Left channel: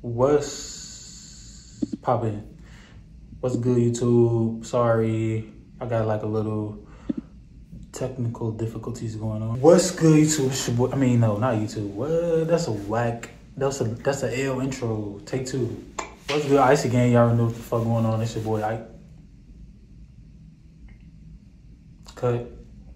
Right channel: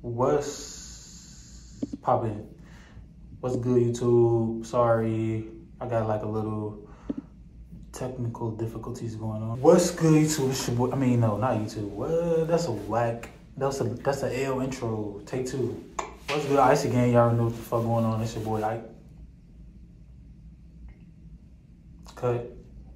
What's poppin'? What's good, YouTube? Sorry, I got like a little technical difficulties going on. What's good, YouTube? It's your boy, I mean, no, not YouTube. What? That's a whack. That's a L intro. Take two. What's good, Icyy gang? Y'all know what the fuck going on. It's your boy, Icyy. Cut.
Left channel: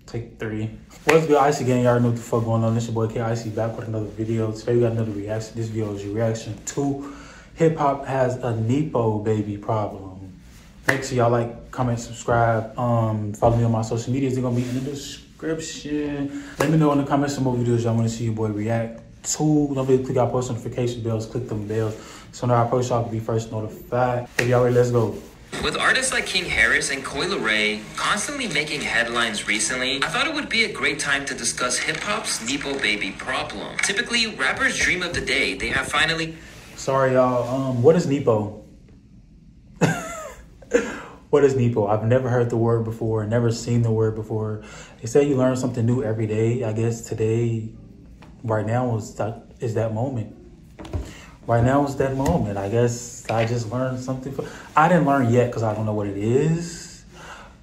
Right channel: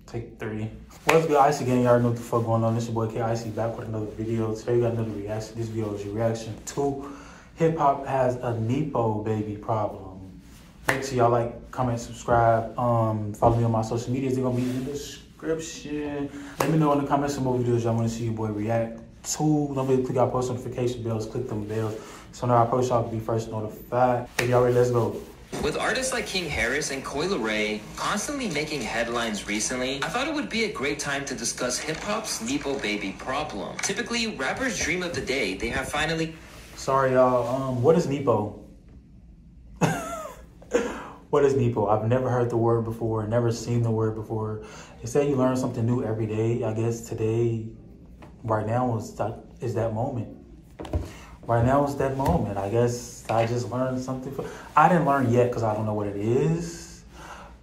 Take three. What's good, Icyy gang? Y'all know what the fuck going on. It's your boy Icyy back with another video. Today we got another reaction. This video is your reaction to hip hop has a Nepobaby problem. Make sure y'all like, comment, subscribe. Follow me on my social medias. They're gonna be in the description. Let me know in the comments some more videos y'all want to see your boy react to. Don't forget to click our post notification bells. Click them bells so now I post y'all can be first notified. If y'all ready, let's go. With artists like King Harris and Coi Leray constantly making headlines recently, I thought it would be a great time to discuss hip-hop's Nepobaby problem. Typically, rappers dream of the day they have finally... Sorry, y'all. What is Nepo? What is Nepo? I've never heard the word before, never seen the word before. They say you learn something new every day. I guess today, right now, is that moment. Right now is that moment. I guess I just learned something. I didn't learn yet because I don't know what it is.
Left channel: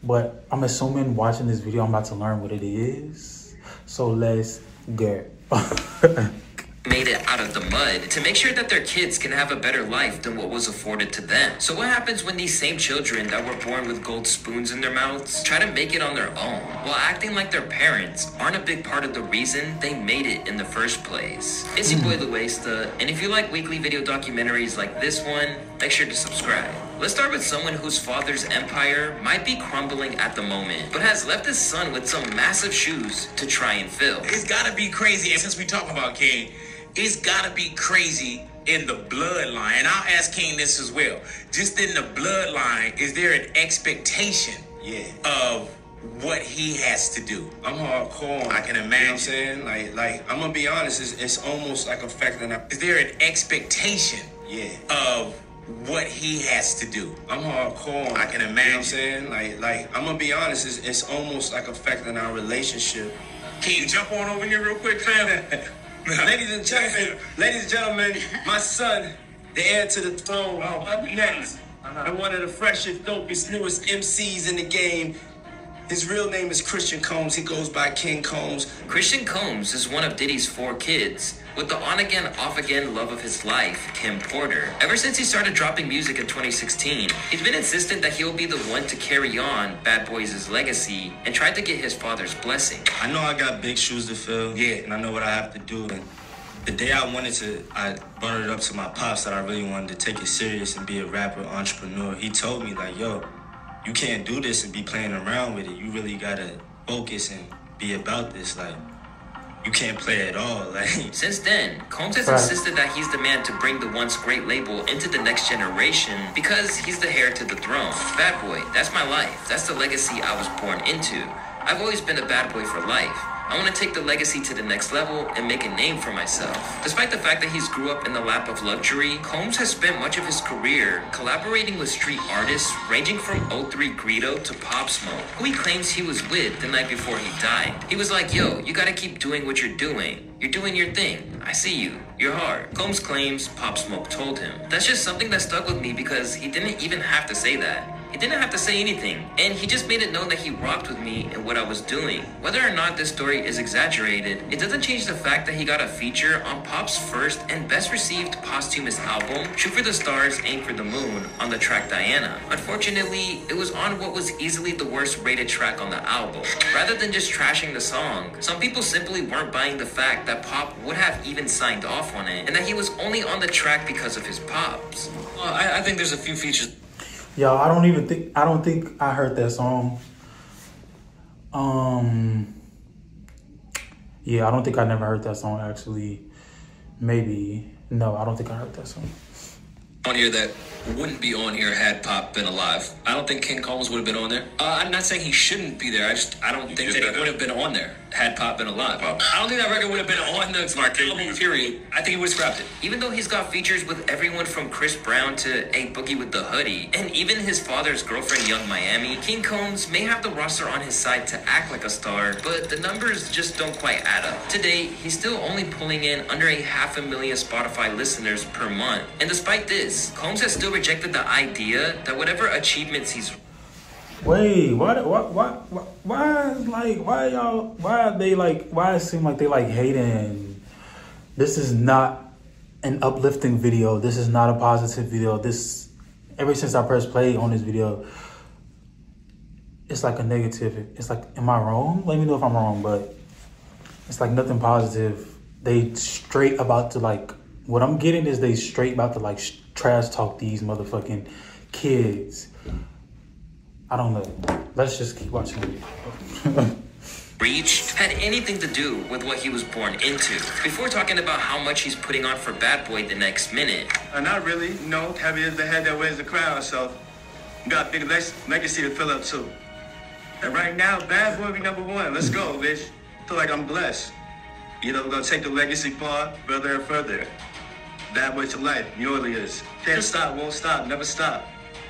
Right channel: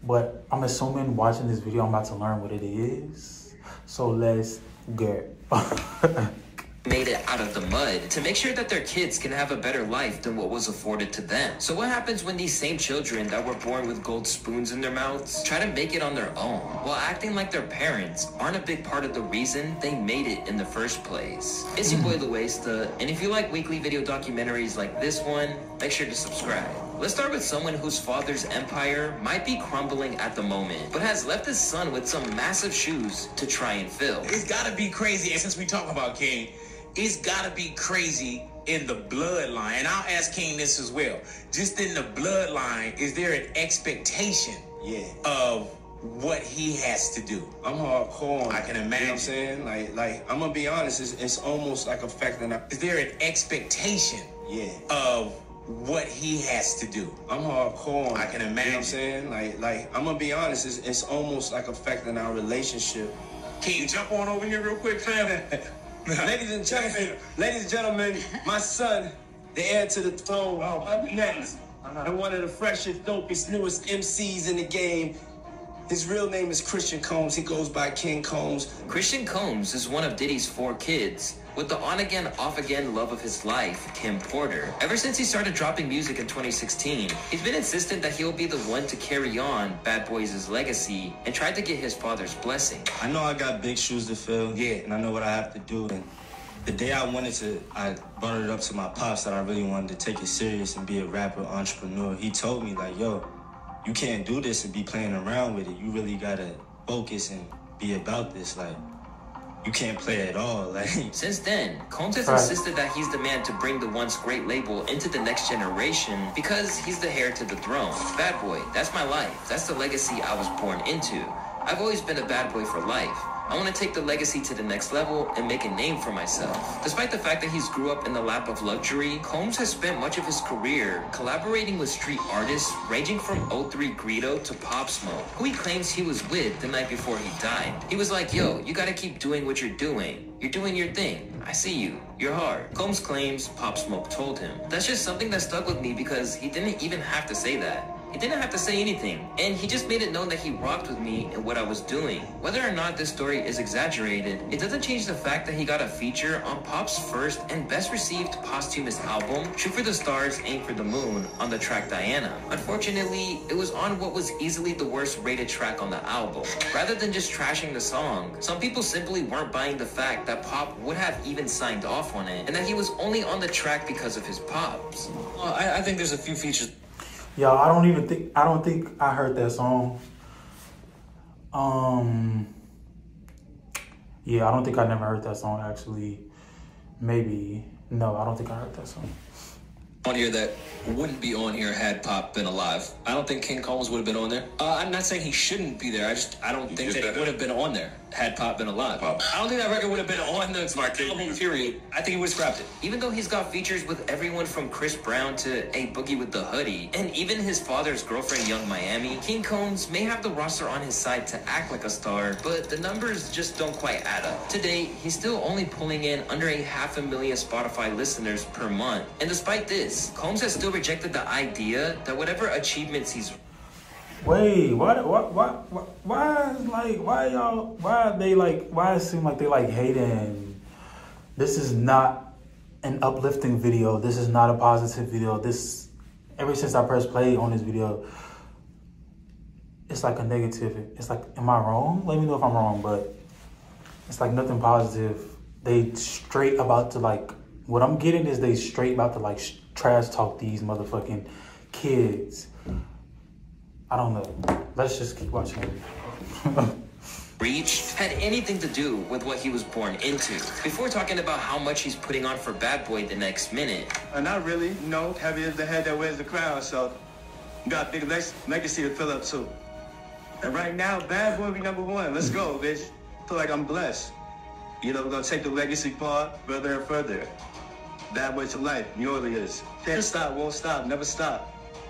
But I'm assuming watching this video, I'm about to learn what it is. So let's go. Made it out of the mud to make sure that their kids can have a better life than what was afforded to them. So what happens when these same children that were born with gold spoons in their mouths try to make it on their own while acting like their parents aren't a big part of the reason they made it in the first place? It's your boy Luesta, and if you like weekly video documentaries like this one, make sure to subscribe. Let's start with someone whose father's empire might be crumbling at the moment, but has left his son with some massive shoes to try and fill. It's gotta be crazy, and since we talk about King, it's gotta be crazy in the bloodline. And I'll ask King this as well. Just in the bloodline, is there an expectation of what he has to do? I'm hardcore. I can imagine. You know what I'm saying? Like I'm gonna be honest, it's almost like affecting. Is there an expectation of what he has to do? I'm hardcore. I can imagine. You know what I'm saying? Like I'm gonna be honest, it's almost like affecting our relationship. Can you jump on over here real quick, fam? Ladies and gentlemen, my son, the heir to the throne, up next, and one of the freshest, dopest, newest MCs in the game. His real name is Christian Combs. He goes by King Combs. Christian Combs is one of Diddy's 4 kids, with the on-again, off-again love of his life, Kim Porter. Ever since he started dropping music in 2016, he's been insistent that he'll be the one to carry on Bad Boys' legacy and tried to get his father's blessing. I know I got big shoes to fill, and I know what I have to do. And the day I brought it up to my pops that I really wanted to take it serious and be a rapper, entrepreneur. He told me, like, yo, you can't do this and be playing around with it. You really gotta focus and be about this. Like, you can't play at all. Like, since then, Combs has insisted that he's the man to bring the once great label into the next generation because he's the heir to the throne. Bad boy, that's my life. That's the legacy I was born into. I've always been a bad boy for life. I want to take the legacy to the next level and make a name for myself. Despite the fact that he's grew up in the lap of luxury, Combs has spent much of his career collaborating with street artists ranging from 03 Greedo to Pop Smoke, who he claims he was with the night before he died. He was like, yo, you gotta keep doing what you're doing. You're doing your thing. I see you. You're hard. Combs claims Pop Smoke told him. That's just something that stuck with me because he didn't even have to say that. He didn't have to say anything, and he just made it known that he rocked with me and what I was doing. Whether or not this story is exaggerated, it doesn't change the fact that he got a feature on Pop's first and best received posthumous album, Shoot for the Stars, Aim for the Moon, on the track Diana. Unfortunately, it was on what was easily the worst rated track on the album. Rather than just trashing the song, some people simply weren't buying the fact that Pop would have even signed off on it, and that he was only on the track because of his pops. Well, I think there's a few features. Yo, I don't think I heard that song. Yeah, I don't think I never heard that song actually. Maybe. No, I don't think I heard that song. On here that wouldn't be on here had Pop been alive. I don't think King Combs would have been on there. I'm not saying he shouldn't be there. I don't think that he would have been on there. had Pop been alive. I don't think that record would have been on the album, period. I think it would have scrapped it. Even though he's got features with everyone from Chris Brown to A Boogie with the Hoodie, and even his father's girlfriend, Young Miami, King Combs may have the roster on his side to act like a star, but the numbers just don't quite add up. Today, he's still only pulling in under 500,000 Spotify listeners per month. And despite this, Combs has still rejected the idea that whatever achievements he's... Wait, why it seem like they like hating? This is not an uplifting video. This is not a positive video. Ever since I pressed play on this video, it's like a negative. It's like, am I wrong? Let me know if I'm wrong, but it's like nothing positive. They straight about to like, what I'm getting is they straight about to like trash talk these motherfucking kids. I don't know. Let's just keep watching it. Reach had anything to do with what he was born into. Before talking about how much he's putting on for Bad Boy the next minute. Not really. No, heavy is the head that wears the crown, so you got a big legacy to fill up too. And right now, Bad Boy be #1. Let's go, bitch. Feel like I'm blessed. You know, we're gonna take the legacy far, further and further. Bad Boy to life. You know what it is. Can't stop, won't stop, never stop.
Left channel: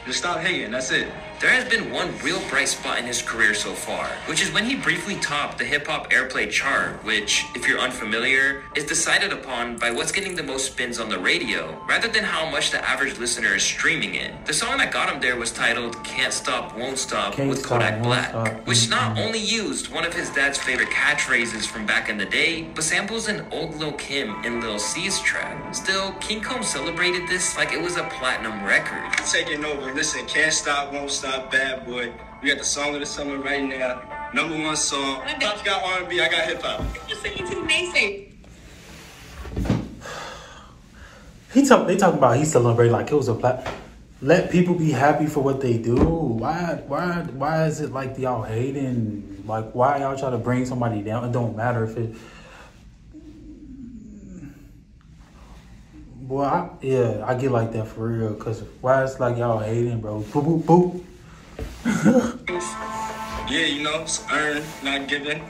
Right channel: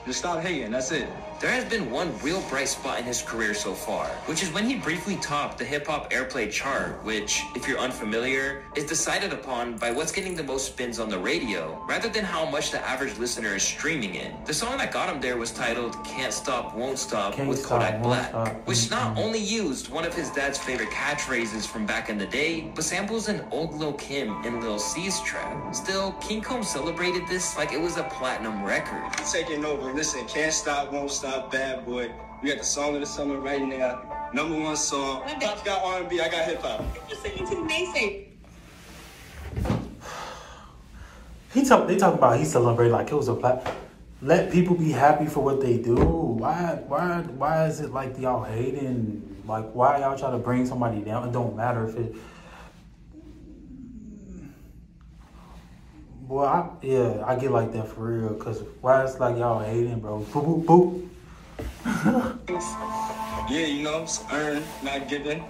Just stop hating, that's it. There has been one real bright spot in his career so far, which is when he briefly topped the hip-hop airplay chart, which, if you're unfamiliar, is decided upon by what's getting the most spins on the radio, rather than how much the average listener is streaming it. The song that got him there was titled Can't Stop, Won't Stop with Kodak Black, which not only used one of his dad's favorite catchphrases from back in the day, but samples an old Lil Kim and Lil C's track. Still, King Combs celebrated this like it was a platinum record. Taking over, listen, Can't Stop, Won't Stop, Bad Boy. We got the song of the summer right now. #1 song. Pop's got R&B, I got hip hop. They talking about he celebrating like it was a let people be happy for what they do. Why is it like y'all hating? Like, why y'all try to bring somebody down? It don't matter if it. Boy, I get like that for real. Cause why it's like y'all hating, bro? Boop boop boop. Yeah, you know, it's earned, not given.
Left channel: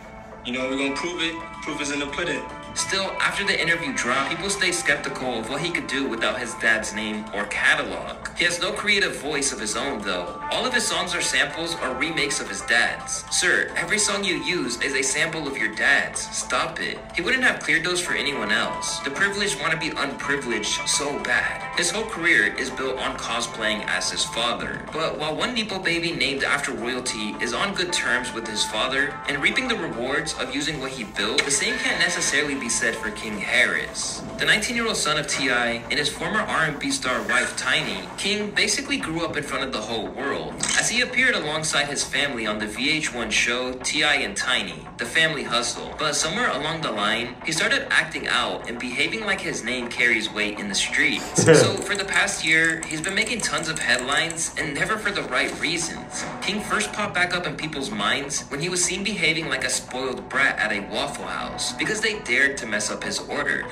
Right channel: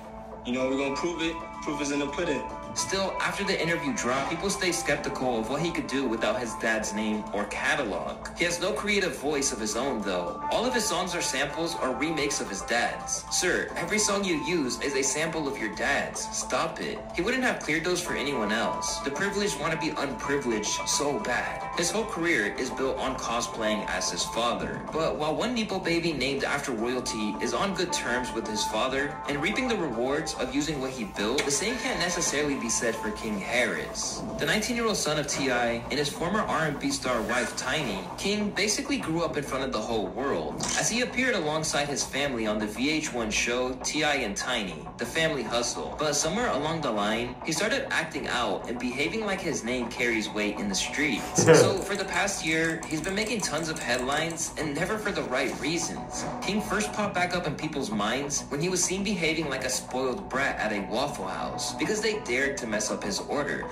You know, we're gonna prove it. Proof is in the pudding. Still, after the interview dropped, people stay skeptical of what he could do without his dad's name or catalog. He has no creative voice of his own, though. All of his songs are samples or remakes of his dad's. Sir, every song you use is a sample of your dad's. Stop it. He wouldn't have cleared those for anyone else. The privileged want to be unprivileged so bad. His whole career is built on cosplaying as his father. But while one Nepobaby named after royalty is on good terms with his father and reaping the rewards of using what he built, the same can't necessarily be said for King Harris. The 19-year-old son of T.I. and his former R&B star wife Tiny, King basically grew up in front of the whole world, as he appeared alongside his family on the VH1 show T.I. and Tiny, The Family Hustle. But somewhere along the line, he started acting out and behaving like his name carries weight in the streets. So for the past year, he's been making tons of headlines, and never for the right reasons. King first popped back up in people's minds when he was seen behaving like a spoiled brat at a Waffle House, because they dared to mess up his order.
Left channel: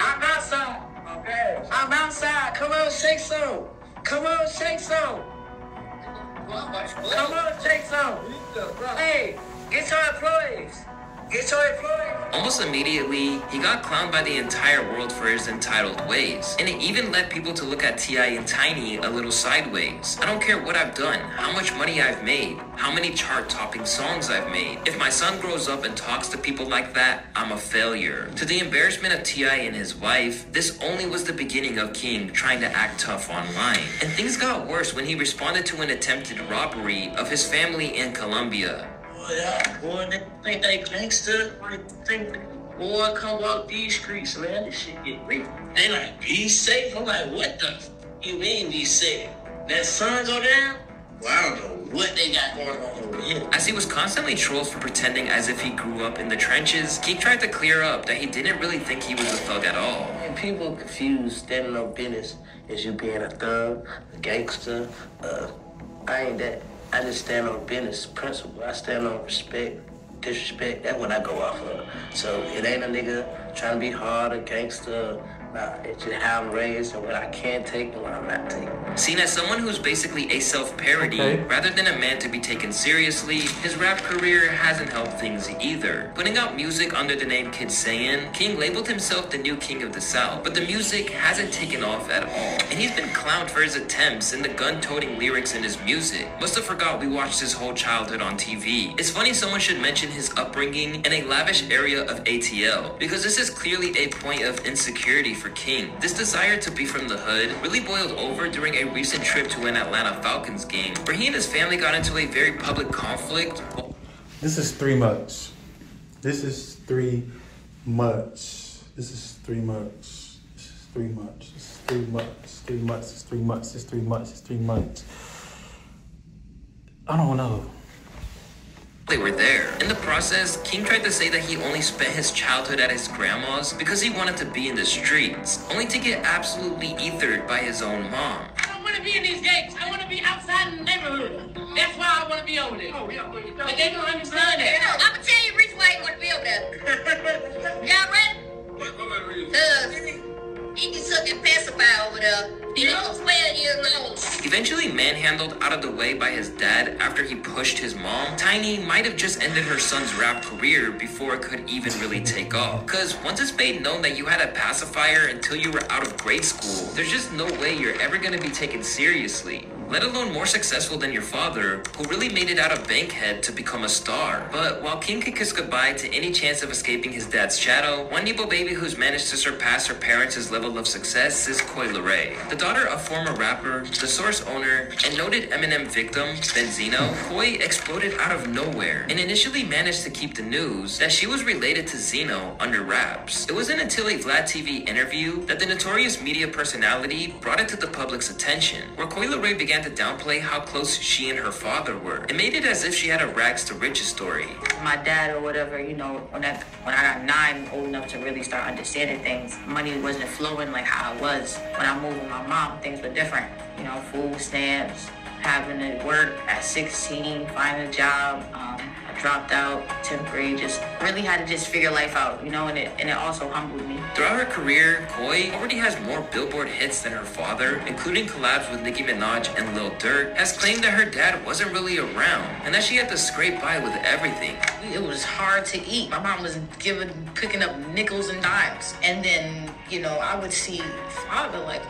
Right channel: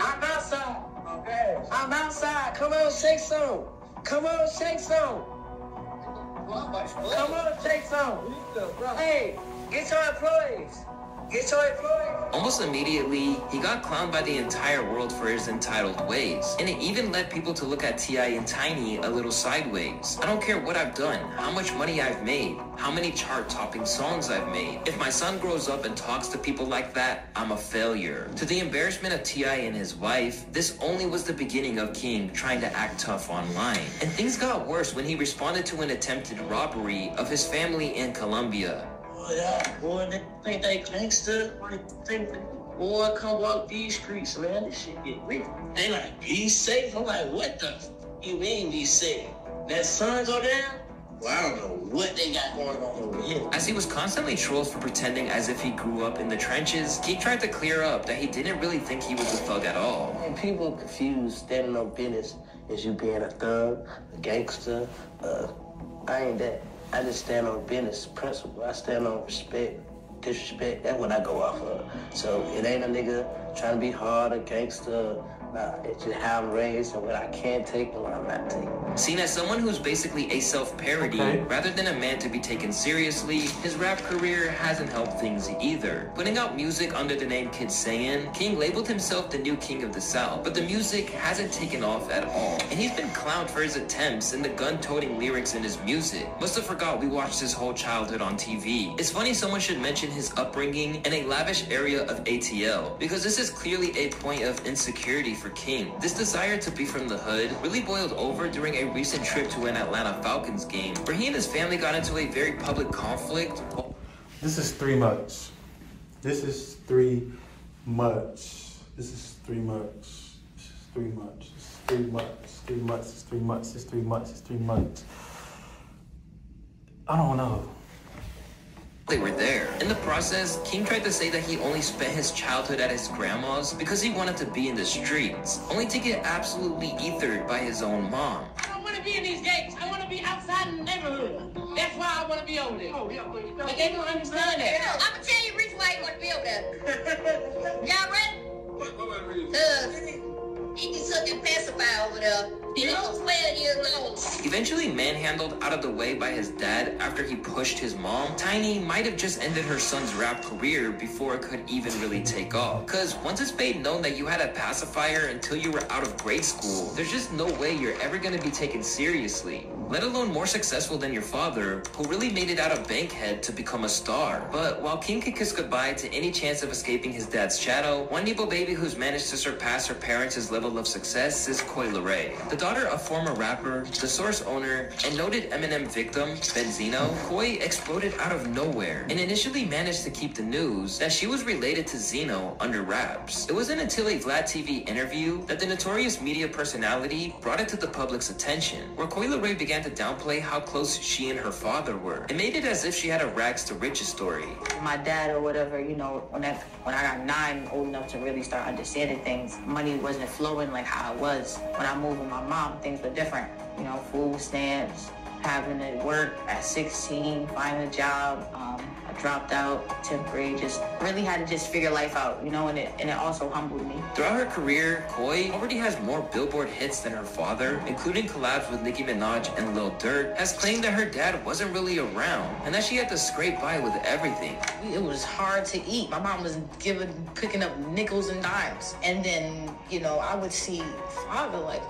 I'm outside. Okay. I'm outside. Come on, shake some. Come on, shake some. Come on, shake some. Hey, get your employees. Get your employees. Almost immediately, he got clowned by the entire world for his entitled ways, and it even led people to look at T.I. and Tiny a little sideways. I don't care what I've done, how much money I've made, how many chart-topping songs I've made. If my son grows up and talks to people like that, I'm a failure. To the embarrassment of T.I. and his wife, this only was the beginning of King trying to act tough online. And things got worse when he responded to an attempted robbery of his family in Colombia. Yeah, boy, they think they gangster. They think, boy, come walk these streets, man. This shit get real. They like, be safe. I'm like, what the you mean be safe? That sun go down? Well, I don't know what they got going on over here. As he was constantly trolled for pretending as if he grew up in the trenches, King tried to clear up that he didn't really think he was a thug at all. And people confuse standing on business as you being a thug, a gangster. I ain't that. I just stand on business principle. I stand on respect, disrespect. That's what I go off of. So it ain't a nigga trying to be hard, a gangster, It's just how I'm raised and what I can take and what I'm not taking. Seen as someone who's basically a self-parody, rather than a man to be taken seriously, his rap career hasn't helped things either. Putting out music under the name Kid Sayin, King labeled himself the new king of the South, but the music hasn't taken off at all. And he's been clowned for his attempts and the gun-toting lyrics in his music. Must have forgot we watched his whole childhood on TV. It's funny someone should mention his upbringing in a lavish area of ATL, because this is clearly a point of insecurity for King. This desire to be from the hood really boiled over during a recent trip to an Atlanta Falcons game, where he and his family got into a very public conflict. This is three much. This is three much. This is three much. This is three much. This is three much. Three much. It's three much. It's three much. It's three much. I don't know. They were there. In the process, King tried to say that he only spent his childhood at his grandma's because he wanted to be in the streets, only to get absolutely ethered by his own mom. I don't want to be in these gates. I want to be outside in the neighborhood. That's why I want to be over there. But they don't understand that. I'm going to tell you the reason why you want to be over there. Y'all ready? He can suck and pacify over there. You know, 12 years old. Eventually manhandled out of the way by his dad after he pushed his mom, Tiny might have just ended her son's rap career before it could even really take off. Cause once it's made known that you had a pacifier until you were out of grade school, there's just no way you're ever gonna be taken seriously. Let alone more successful than your father, who really made it out of Bankhead to become a star. But while King could kiss goodbye to any chance of escaping his dad's shadow, one Nepobaby who's managed to surpass her parents' level of success is Icyy. The daughter of former rapper, The Source owner, and noted Eminem victim, Benzino, Icyy exploded out of nowhere and initially managed to keep the news that she was related to Zeno under wraps. It wasn't until a Vlad TV interview that the notorious media personality brought it to the public's attention, where Icyy began to downplay how close she and her father were. It made it as if she had a rags to riches story. My dad or whatever, you know, when I got 9, old enough to really start understanding things, money wasn't flowing like how it was. When I moved with my mom, things were different. You know, food stamps, having to work at 16, finding a job. I dropped out 10th grade, just really had to just figure life out, you know, and it also humbled me. Throughout her career, Icyy already has more Billboard hits than her father, including collabs with Nicki Minaj and Lil Durk, has claimed that her dad wasn't really around, and that she had to scrape by with everything. It was hard to eat. My mom was cooking up nickels and dimes, and then, you know, I would see father like,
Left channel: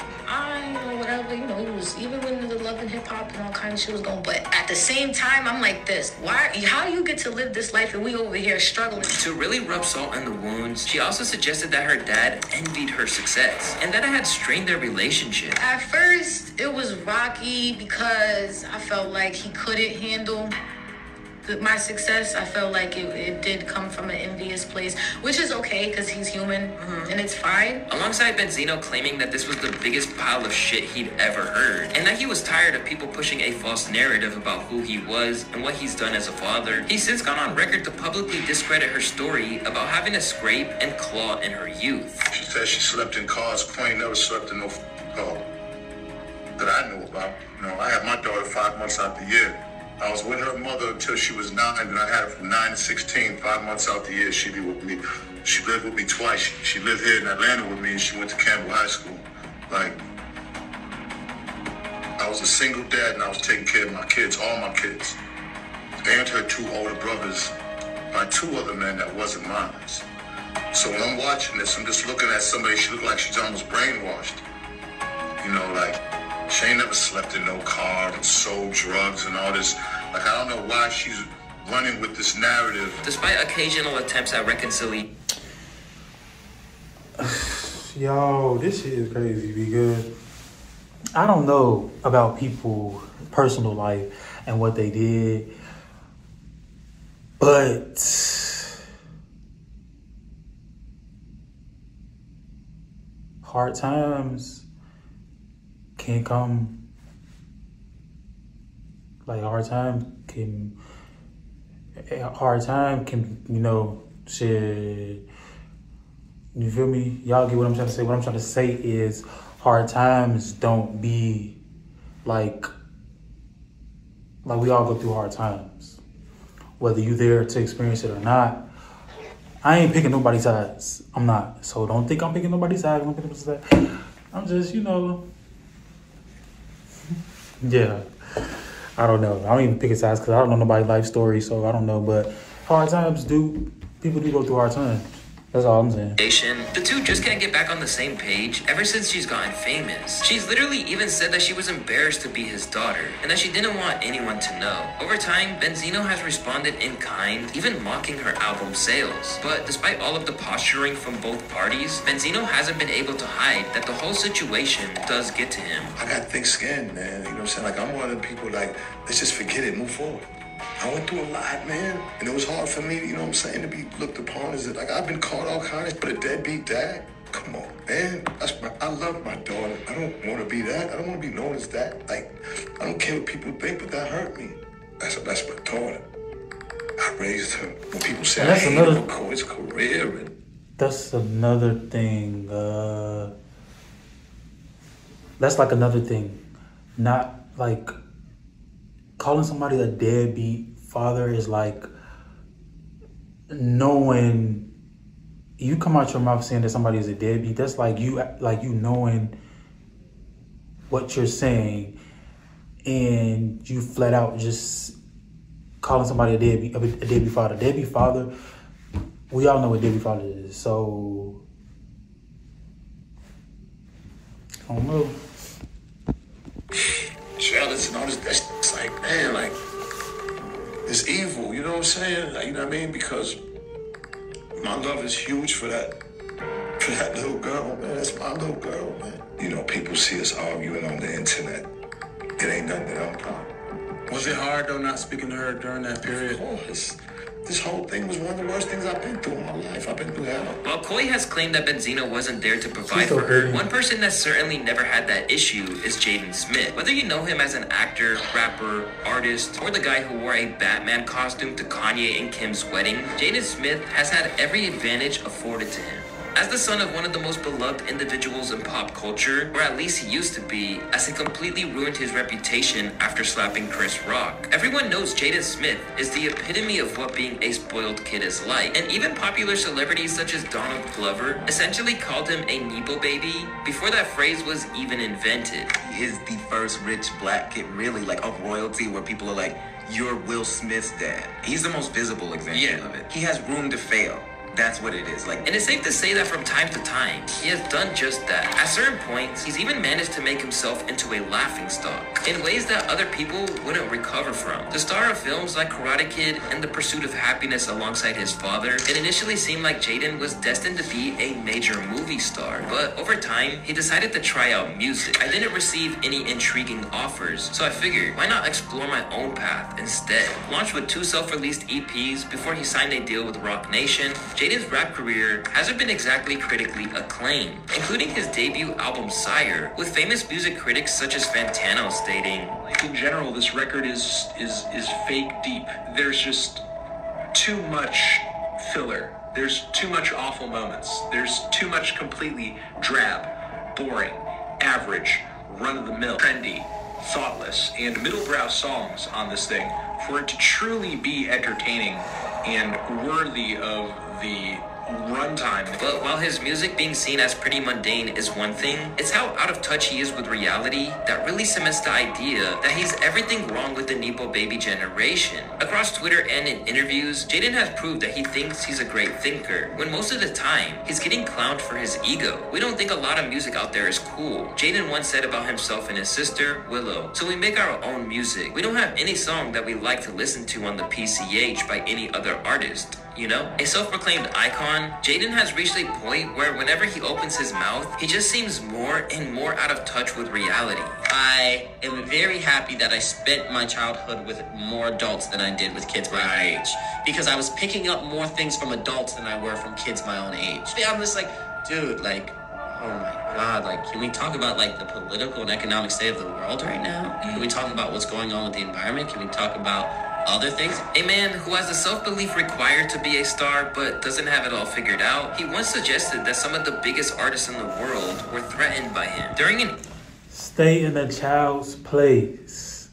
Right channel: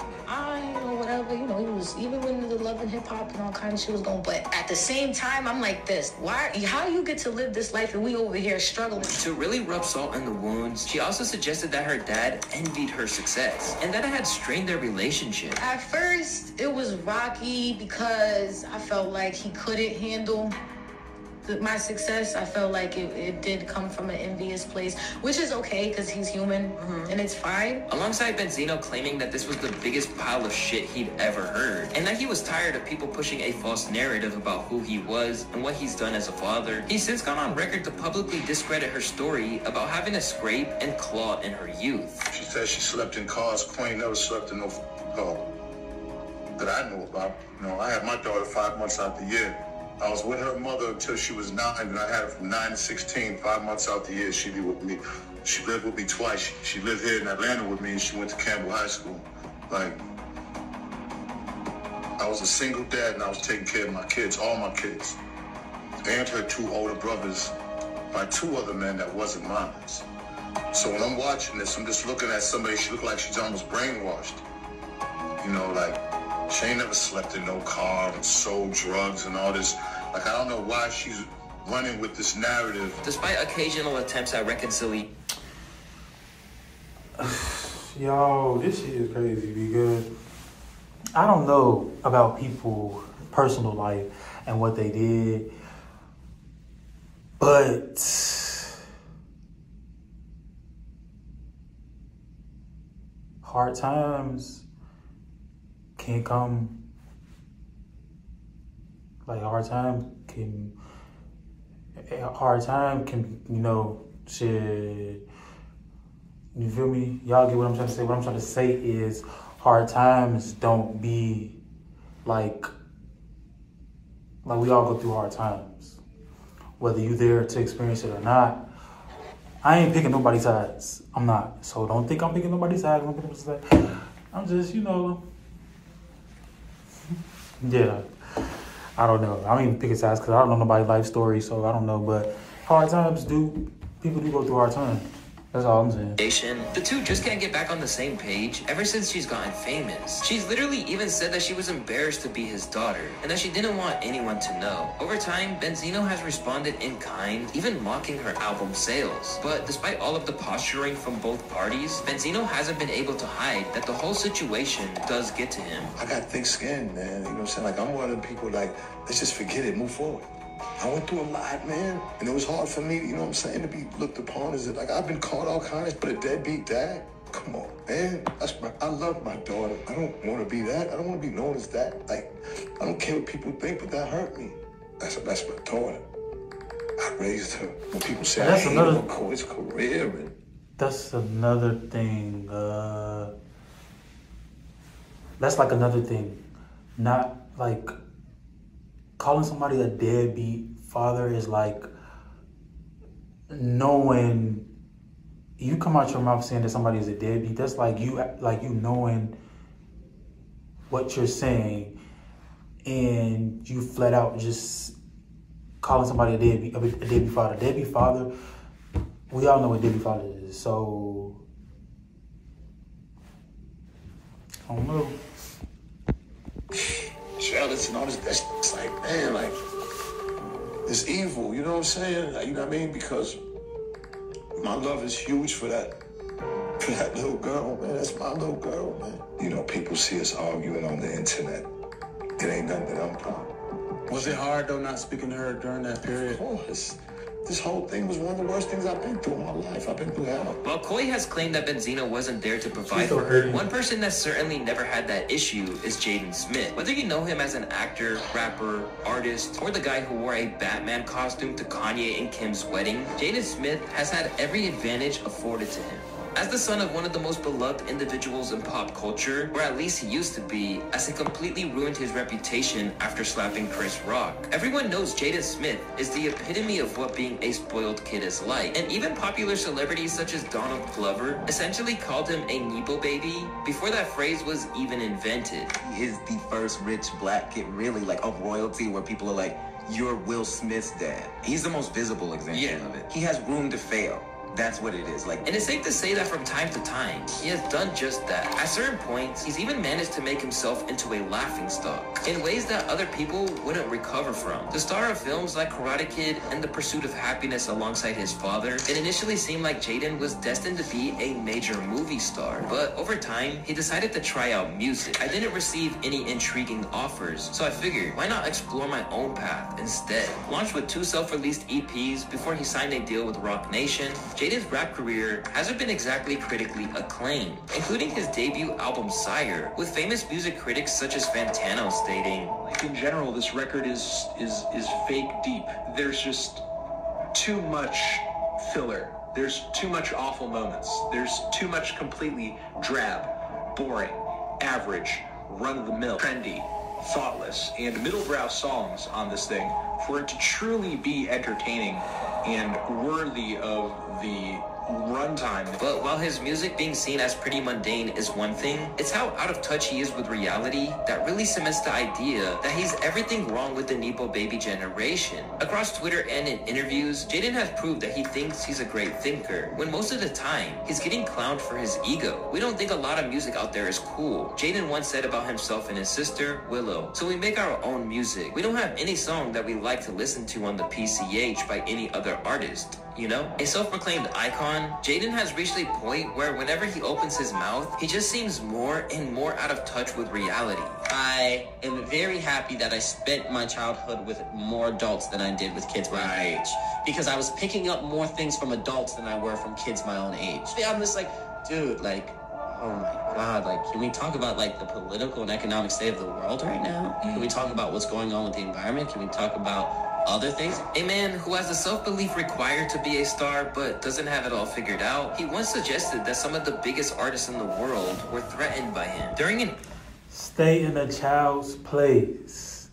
you know, whatever, you know, he was, even when the love and hip hop and all kind of shit was going, but at the same time, I'm like this, how do you get to live this life and we over here struggling? To really rub salt in the wounds, she also suggested that her dad envied her success, and that it had strained their relationship. At first, it was rocky because I felt like he couldn't handle my success. I felt like it did come from an envious place, which is okay because he's human and it's fine. Alongside Benzino claiming that this was the biggest pile of shit he'd ever heard, and that he was tired of people pushing a false narrative about who he was and what he's done as a father, he's since gone on record to publicly discredit her story about having to scrape and claw in her youth. She said she slept in cars. Queen never slept in no car that I knew about. You know, I had my daughter 5 months out the year. I was with her mother until she was 9, and I had her from 9 to 16, 5 months out the year. She'd be with me. She lived with me twice. She lived here in Atlanta with me, and she went to Campbell High School. Like, I was a single dad, and I was taking care of my kids, all my kids, and her 2 older brothers by 2 other men that wasn't mine. So when I'm watching this, I'm just looking at somebody, she looked like she's almost brainwashed. You know, like, she ain't never slept in no car and sold drugs and all this. Like, I don't know why she's running with this narrative. Despite occasional attempts at reconciliation. Yo, this shit is crazy because I don't know about people's personal life and what they did, but hard times can come. Like hard time can, you know, shit. You feel me? Y'all get what I'm trying to say? What I'm trying to say is hard times don't be like we all go through hard times. Whether you're there to experience it or not, I ain't picking nobody's sides. I'm not. So don't think I'm picking nobody's sides. I'm just, you know, yeah. I don't know. I don't even pick his sides because I don't know nobody's life story, so I don't know. But hard times people do go through hard times. That's all I'm saying. The two just can't get back on the same page ever since she's gotten famous. She's literally even said that she was embarrassed to be his daughter and that she didn't want anyone to know. Over time, Benzino has responded in kind, even mocking her album sales. But despite all of the posturing from both parties, Benzino hasn't been able to hide that the whole situation does get to him. I got thick skin, man. You know what I'm saying? Like, I'm one of the people, like, let's just forget it, move forward. I went through a lot, man, and it was hard for me, you know what I'm saying, to be looked upon as, like, I've been called all kinds, but a deadbeat dad? Come on, man. I love my daughter. I don't want to be that. I don't want to be known as that. Like, I don't care what people think, but that hurt me. That's my daughter. I raised her. When people say, that's another his career. That's another thing. That's like another thing. Not like calling somebody a deadbeat father is like knowing you come out your mouth saying that somebody is a deadbeat. That's like you knowing what you're saying and you flat out just calling somebody a deadbeat father. Deadbeat father, we all know what deadbeat father is. So I don't know. Jealous and all this, that's like, man, like, it's evil, you know what I'm saying? Like, you know what I mean? Because my love is huge for that little girl, man. That's my little girl, man. You know, people see us arguing on the internet. It ain't nothing that I'm proud of. Was it hard, though, not speaking to her during that period? Of course. This whole thing was one of the worst things I've been through in my life. I've been through hell. While Icyy has claimed that Benzino wasn't there to provide for her, one person that certainly never had that issue is Jaden Smith. Whether you know him as an actor, rapper, artist, or the guy who wore a Batman costume to Kanye and Kim's wedding, Jaden Smith has had every advantage afforded to him. As the son of one of the most beloved individuals in pop culture, or at least he used to be, as he completely ruined his reputation after slapping Chris Rock, everyone knows Jaden Smith is the epitome of what being a spoiled kid is like, and even popular celebrities such as Donald Glover essentially called him a Nepobaby before that phrase was even invented. He's the first rich black kid, really, like of royalty, where people are like, you're Will Smith's dad. He's the most visible example of it. He has room to fail. That's what it is. Like, and it's safe to say that from time to time, he has done just that. At certain points, he's even managed to make himself into a laughingstock in ways that other people wouldn't recover from. The star of films like Karate Kid and The Pursuit of Happiness alongside his father, it initially seemed like Jaden was destined to be a major movie star. But over time, he decided to try out music. I didn't receive any intriguing offers, so I figured, why not explore my own path instead? Launched with 2 self-released EPs before he signed a deal with Rock Nation, Jaden's rap career hasn't been exactly critically acclaimed, including his debut album Sire, with famous music critics such as Fantano stating, in general, this record is fake deep. There's just too much filler. There's too much awful moments. There's too much completely drab, boring, average, run-of-the-mill, trendy, thoughtless, and middle-brow songs on this thing for it to truly be entertaining and worthy of the runtime. But while his music being seen as pretty mundane is one thing, it's how out of touch he is with reality that really cements the idea that he's everything wrong with the Nepobaby generation. Across Twitter and in interviews, Jaden has proved that he thinks he's a great thinker, when most of the time, he's getting clowned for his ego. We don't think a lot of music out there is cool. Jaden once said about himself and his sister, Willow, so we make our own music. We don't have any song that we like to listen to on the PCH by any other artist. You know, a self-proclaimed icon, Jaden has reached a point where whenever he opens his mouth, he just seems more and more out of touch with reality. I am very happy that I spent my childhood with more adults than I did with kids my own age. Because I was picking up more things from adults than I were from kids my own age. I'm just like, dude, like, oh my God, like, can we talk about, like, the political and economic state of the world right now? Can we talk about what's going on with the environment? Can we talk about other things? A man who has the self-belief required to be a star but doesn't have it all figured out, he once suggested that some of the biggest artists in the world were threatened by him. During an stay in a child's place.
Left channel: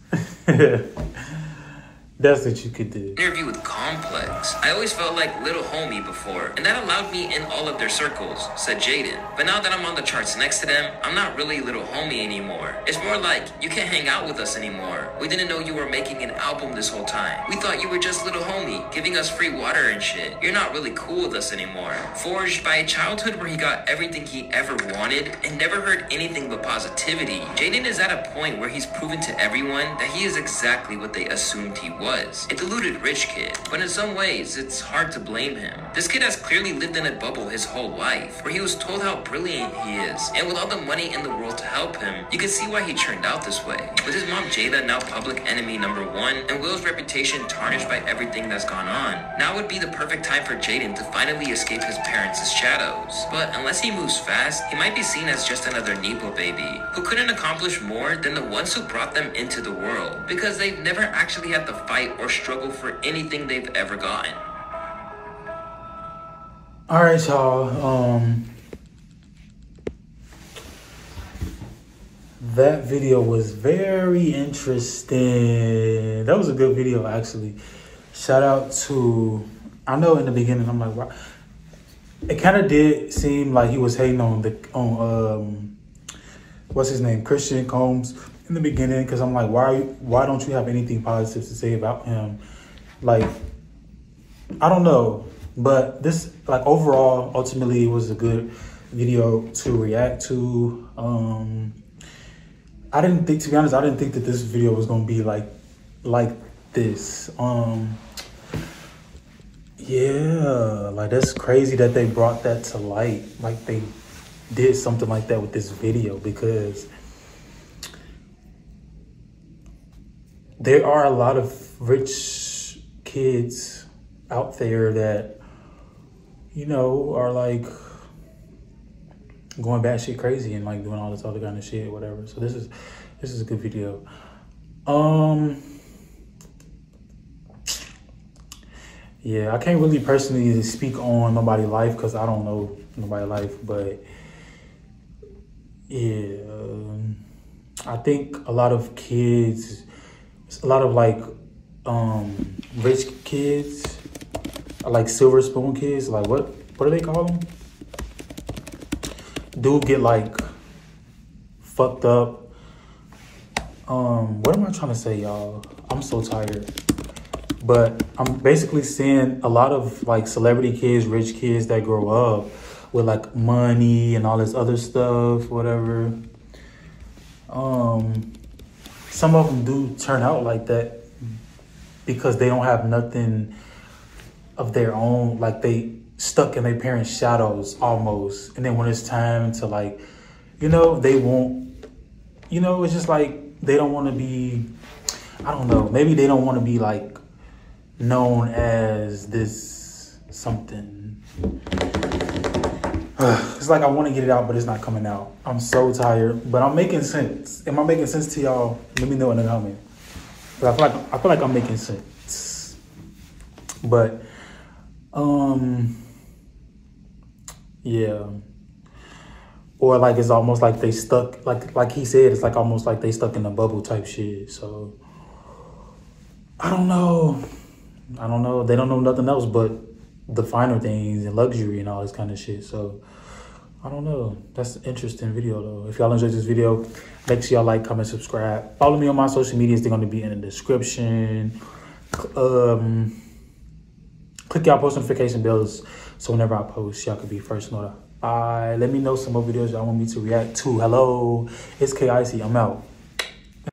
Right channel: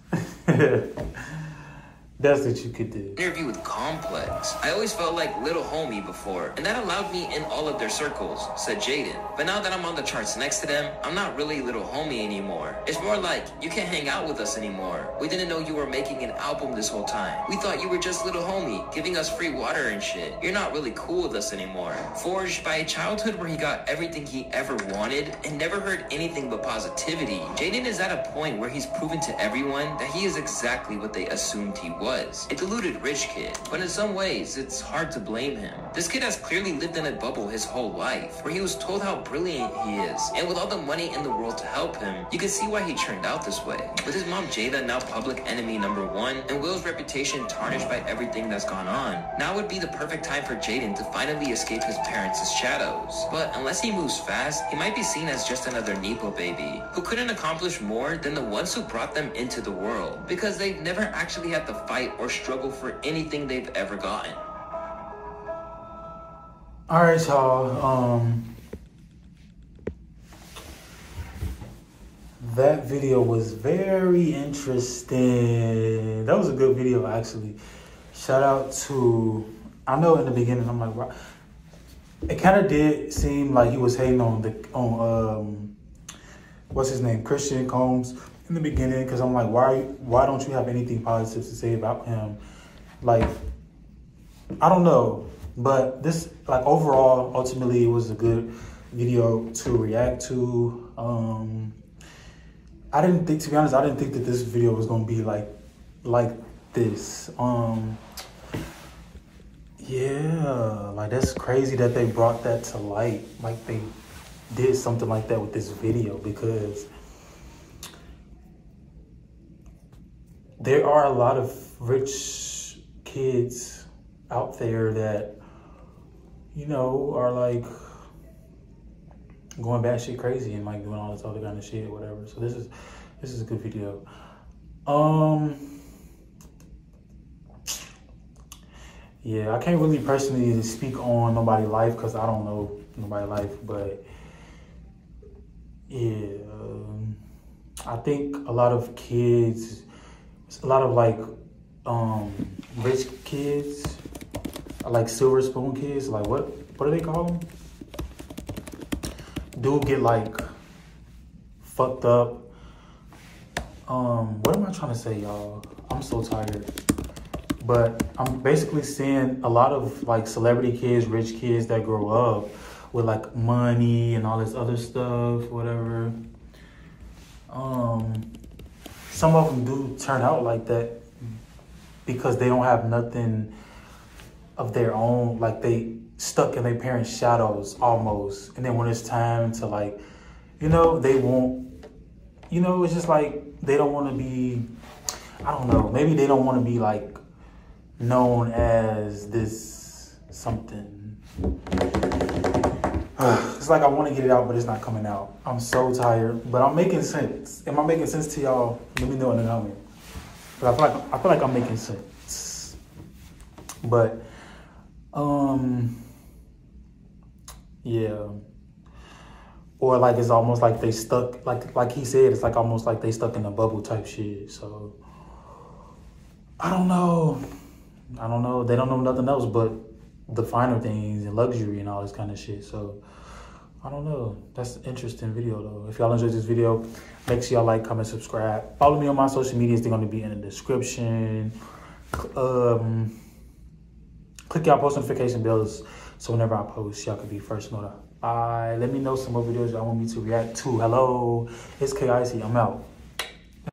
That's what you could do. Interview with Complex, I I always felt like little homie before, and that allowed me in all of their circles, said Jaden. But now that I'm on the charts next to them, I'm not really little homie anymore. It's more like, you can't hang out with us anymore. We didn't know you were making an album this whole time. We thought you were just little homie, giving us free water and shit. You're not really cool with us anymore. Forged by a childhood where he got everything he ever wanted and never heard anything but positivity, Jaden is at a point where he's proven to everyone that he is exactly what they assumed he was. A deluded rich kid. But in some ways, it's hard to blame him. This kid has clearly lived in a bubble his whole life, where he was told how brilliant he is. And with all the money in the world to help him, you can see why he turned out this way. With his mom Jada now public enemy #1, and Will's reputation tarnished by everything that's gone on, now would be the perfect time for Jaden to finally escape his parents' shadows. But unless he moves fast, he might be seen as just another Nepobaby, who couldn't accomplish more than the ones who brought them into the world, because they've never actually had to fight or struggle for anything they've ever gotten. All right, y'all. That video was very interesting. That was a good video, actually. Shout out to, I know in the beginning, I'm like, wow. It kind of did seem like he was hating on what's his name, Christian Combs in the beginning, because I'm like, why don't you have anything positive to say about him? Like, I don't know. But this, like, overall, ultimately, it was a good video to react to. I didn't think, to be honest, I didn't think that this video was going to be like this. Yeah, like, that's crazy that they brought that to light. Like, they did something like that with this video, because there are a lot of rich kids out there that, you know, are like going batshit crazy and like doing all this other kind of shit, whatever. So this is a good video. Yeah, I can't really personally speak on nobody's life because I don't know nobody's life, but yeah, I think a lot of kids, a lot of like rich kids, like silver spoon kids, like what do they call them? Do get like fucked up. What am I trying to say, y'all? I'm so tired. But I'm basically seeing a lot of like celebrity kids, rich kids that grow up with like money and all this other stuff, whatever. Some of them do turn out like that because they don't have nothing of their own, like they stuck in their parents' shadows almost. And then when it's time to like, you know, they won't, you know, it's just like they don't want to be, I don't know, maybe they don't want to be like known as this something. It's like I want to get it out, but it's not coming out. I'm so tired, but I'm making sense. Am I making sense to y'all? Let me know in the comments. But I feel like I'm making sense. But yeah. Or like it's almost like they stuck, like he said, it's like almost like they stuck in a bubble type shit. So I don't know. They don't know nothing else but the finer things and luxury and all this kind of shit. So I don't know. That's an interesting video though. If y'all enjoyed this video, make sure y'all like, comment, subscribe. Follow me on my social medias. They're going to be in the description. Click y'all post notification bells so whenever I post, y'all could be first notified. Let me know some more videos y'all want me to react to. Hello, it's Icyy. I'm out.